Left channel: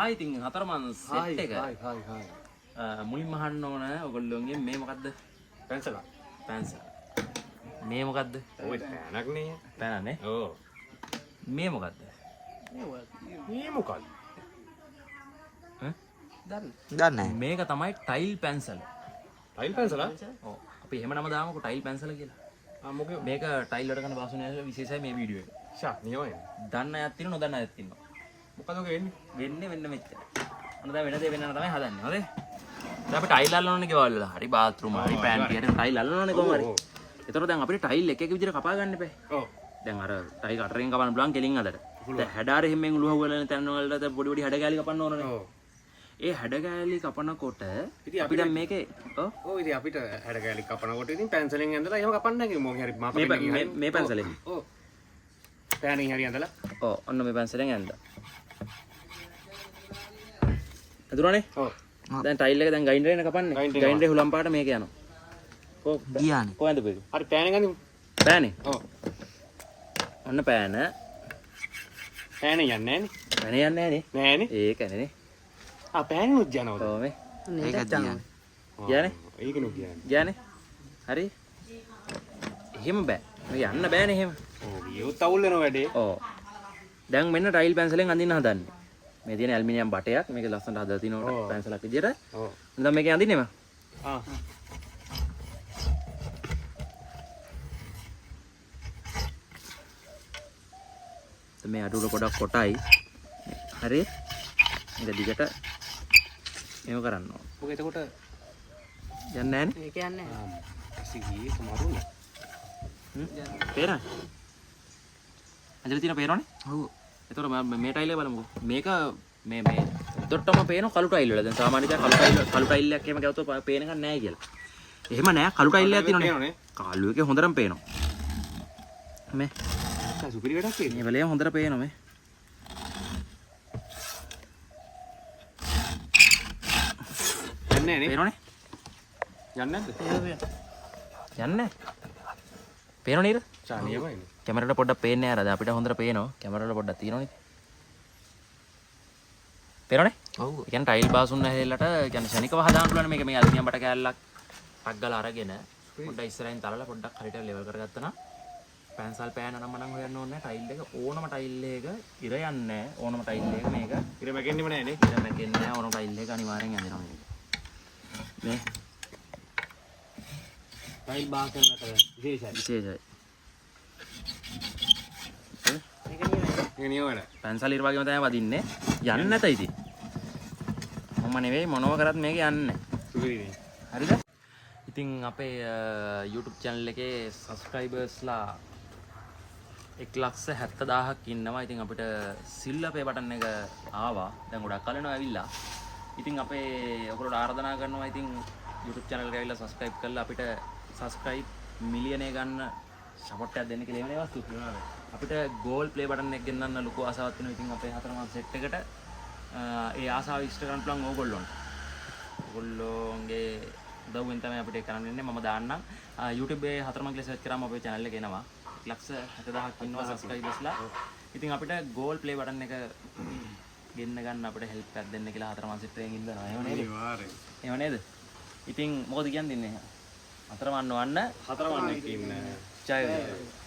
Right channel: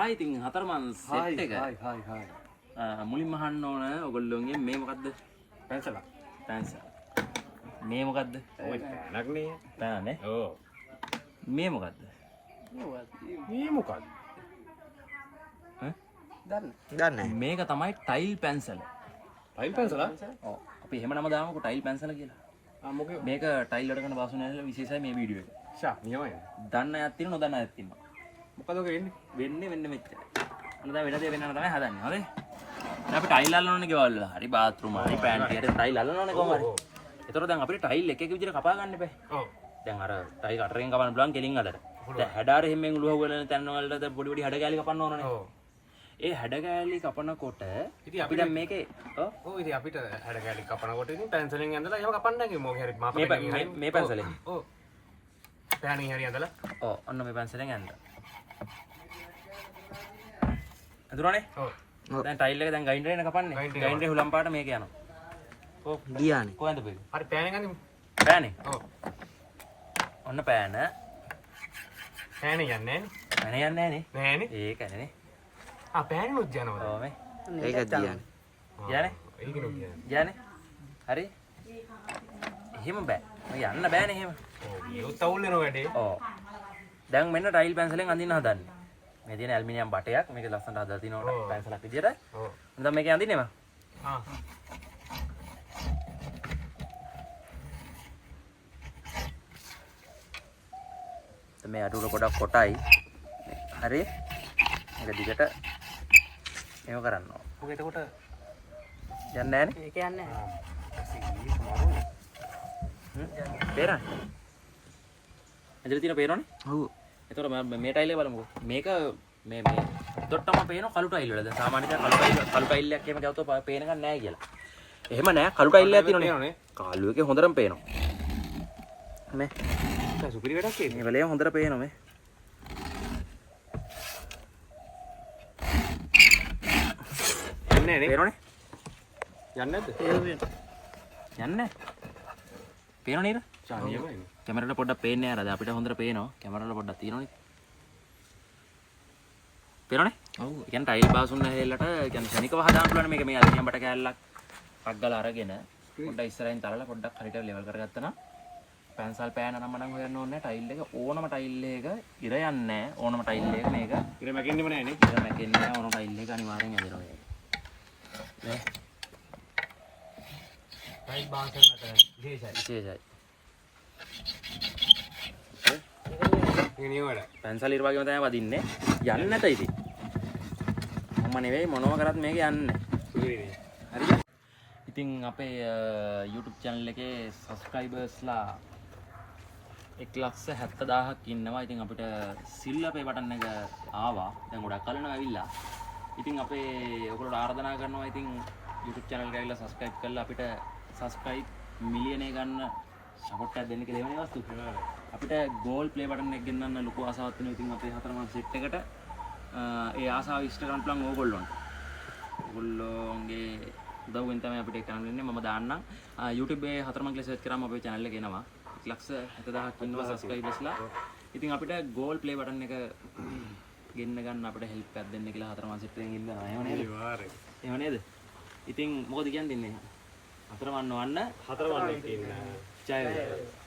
ආයි ඉතින් හතරමන් සෙට් එක. හායි. මුලින්ම අහන්න ඕන ඔයගොල්ලෝගේ මේ මොකද්ද? පැන්සල. පැන්සල්. මේ මොකද්ද? ඔය පැනක්නේ. පැනනේ. ඔව්. මේ මොකද්ද? මේ මොකක්ද? දන්නේ මේක තමයි ටයිල් පැන්සල. ටයිල් පැන්සල? ඔව්. අපි එහෙම නම දාමුකෝ ටයිල් පැන්සල කියලා. ආ මොකද? මේක ටයිල් වලට කරන වාසනාවේ විශේෂයි මේ වීඩියෝ එක. ෂා නියමයි. දන්න අයත් තියෙනවා නොදන්න අයත් ඉන්නවා. මොකද ඔක වෙන්නේ? වෙන්නේ මෙන්න මෙච්චර. ඔන්න දැන් වෙන දේ වෙනන තමයි හදන්නේ. හරිද? දැන් අපි ටයිල් අල්ලන්න ඕනේ ගෙවල් වල. හරි බාත්රූම් හරි පැන්ටි හරි ටයිල් අල්ලන්න ඕනේ කොහොම හරි. ඒතර දැන් අපිට ටයිල් එක එක විදිහට කපා ගන්න බෑ. ඔව්. දැන් අර ටයිල් කටරෙන් කපන්න පුළුවන් කෙලින් අදට. දැන් හැඩාර හැමෙන් උලුව වල තැන් වලට පොඩි පොඩි හැඩ කෑලි කපන්න ඕනනේ. ඔව්. ඒ හැඩ කෑලි කපනකොට ඉතින් අපි දැන් මේකේ ඔව් ඉතින් අපිට හැඩ කැලි කපනකොට ඉතින් පැන්සලෙන් ඇඳලා එහෙම කපන්න නැහැ මොකක් හරි මාප මේ පැන්සලෙන්. ඔව්. පෑනින් හරි ඇඳලා. ඔව් ඔන්න මේ පැන්සලෙන් ඇඳලා. අඳුරනේ? ඔව්. දැන් ටයිල් එක දැන් ගයින්ඩර් එක කපන්නේ. ගයින්ඩරේ හුලම් පාට මේක යනවා. ගියානේ. කොහෙන්ද පෙරේ? හරි පෑනෙන් අඳිමු. පෑනේ. ඔව්. ඔන්න පෑන. පෑනේ යන්නේ නැහනේ. පෑනේ යන්නේ නැහනේ. නෑනේ. ඒකනේ. ආ පෑනුත් යනවද? ඔව් මේ. ඒක ගියානේ. ගියානේ? ඒකනු කියන්නේ. ගියානේ. හරි. එහෙම බෑ. මේ යන්න බෑනේ එහෙම. ඔව් ගියොත් අවුල් වෙන වැඩේ. ඔව්. දැන් මෙන්න ටයිල් පැන්සලෙන් අඳින්න හදන්නේ. මේ තියෙන ඇල්මිනියම් බටයක් මේක ලස්සනට හදලා තිනවා පැන්සලක් විදියට. ඔව්. දැන් මේකේ අඳින්නේ මම. ආ. මේ අඩුව පොඩක් කොටයි. හරි. මේක දිගට එහෙම කරන්න ඕන. මොකද එතකොට යන්නේ නැහනේ. ඒක යන්නේ නැහැ. ඇසිගී සමහරුනේ. තේරෙනවද? ඉතින් තියෙන පේනවනේ? ඔව්. ඒතකොට මම මේ ටයිල් එක බලමුකෝ. මේක මේ උඩටම පේන කළු ටයිල් වල. දැන් සාමාන්‍යයෙන් කළු ටයිල් එකක් එහෙම ගත්තොත් පේන එකක් නැහැ කියලා. එහෙම නැහැ. කළු ටයිල් එකක් තියෙනවනේ. කළු එකේ හොඳටම පේනවා. මේ සුපිරි වැඩක් ඒක. මේ වෙලේ හොඳට පේනවා මේ. යන්නේ නේ. පේනවනේ? යන්නේ නැද්ද? යන්නේ. පේනව නේද? චානියමයි. කැමරාවට පොඩ්ඩක් පේන්නේ නැහැ. දැන් අපිට හොඳට පේනවා. කැමරාවට පොඩ්ඩක් තියෙනවනේ. පේනවනේ? ඔව්. ඒ කියන්නේ ටයිල් බාසුන්න හැලලට කියන්නේ ශනිකව හදාන්න පුළුවන් මේක මේ අල්ලියම් බට කෑල්ලක් පක් ගාලා අරගෙන පොඩ්ඩක් ඉස්සරහින් තලලා පොඩ්ඩක් හරියට ලෙවල් කරගත්තා නම් පැන්සල් පෑන නම් මනම් හොයන්න ඕනේ ටයිල් එක ඕනම ටයිල් එක ඉර යන්නේ නැහැ ඕනම ටයිල් එක මේක ඉර මැකෙන්නෙම නැහැ නේ. ඉර මැකෙන්නේ නැහැ ඕනම ටයිල් එක අනිවාර්යෙන් ඇදෙනවා මේක නේ ටයිල් බාසනකට විශේෂයි. ඒ නියම වැඩ. පැන්සල් ඉර වගේම තමයි වදින්නේ යන්නේ නැත ඉතින් මම නෙවෙයි මොනව කරත් මේක යන්නේ සුපිරි නේ. හරිද ඉතින් අපේ YouTube channel එකේ subscribersලා 1,70,000ක් ඉන්නවා. ඉතින් අපිට සිල් අපේ බටන් එක ආවා. දැන් ගොඩක් කලනවා ඇවිල්ලා. ඉතින් අපේ ඔයගොල්ලෝ ආරාධනා කරනවා ඉතින් YouTube channel එක ඇවිල්ලා subscribe කරලා අපිට subscribe මිලියනය ගන්න support එකක් දෙන්න කියලා එවනේ වස්තු. අපිට gold play button එක ගෙන්නන්න ලොකු ආසාවක් තියෙනවා. ඉතින් අපේ හතරමන් set එකට ඒ ආසාව ඉෂ්ට කරන්න පුළුවන් ඕගොල්ලොන්ට. ඕගොල්ලෝගේ උදව්වෙන් තමයි අපිට ඒක කරන්න ඉන්නේ. මම දාන්නම් YouTube එකේ හතරමන් කියලා search කරාම අපේ channel එක එනවා. 1,70,000ක් ඉන්නවා subscribersලා. ඉතින් අපිට gold play button එක ගෙන්න ගන්න අපිට help එකක් දෙන්න කියලා හතරමන් set එකෙන් ඉල්ලනවා. එහෙම නේද? අනිවාර්යයෙන්. එහෙම නේද? ඉතින් මොකද කියන්නේ? හතරමන් වන්න හතරවන්නේ ඉතින් ජය වේවා.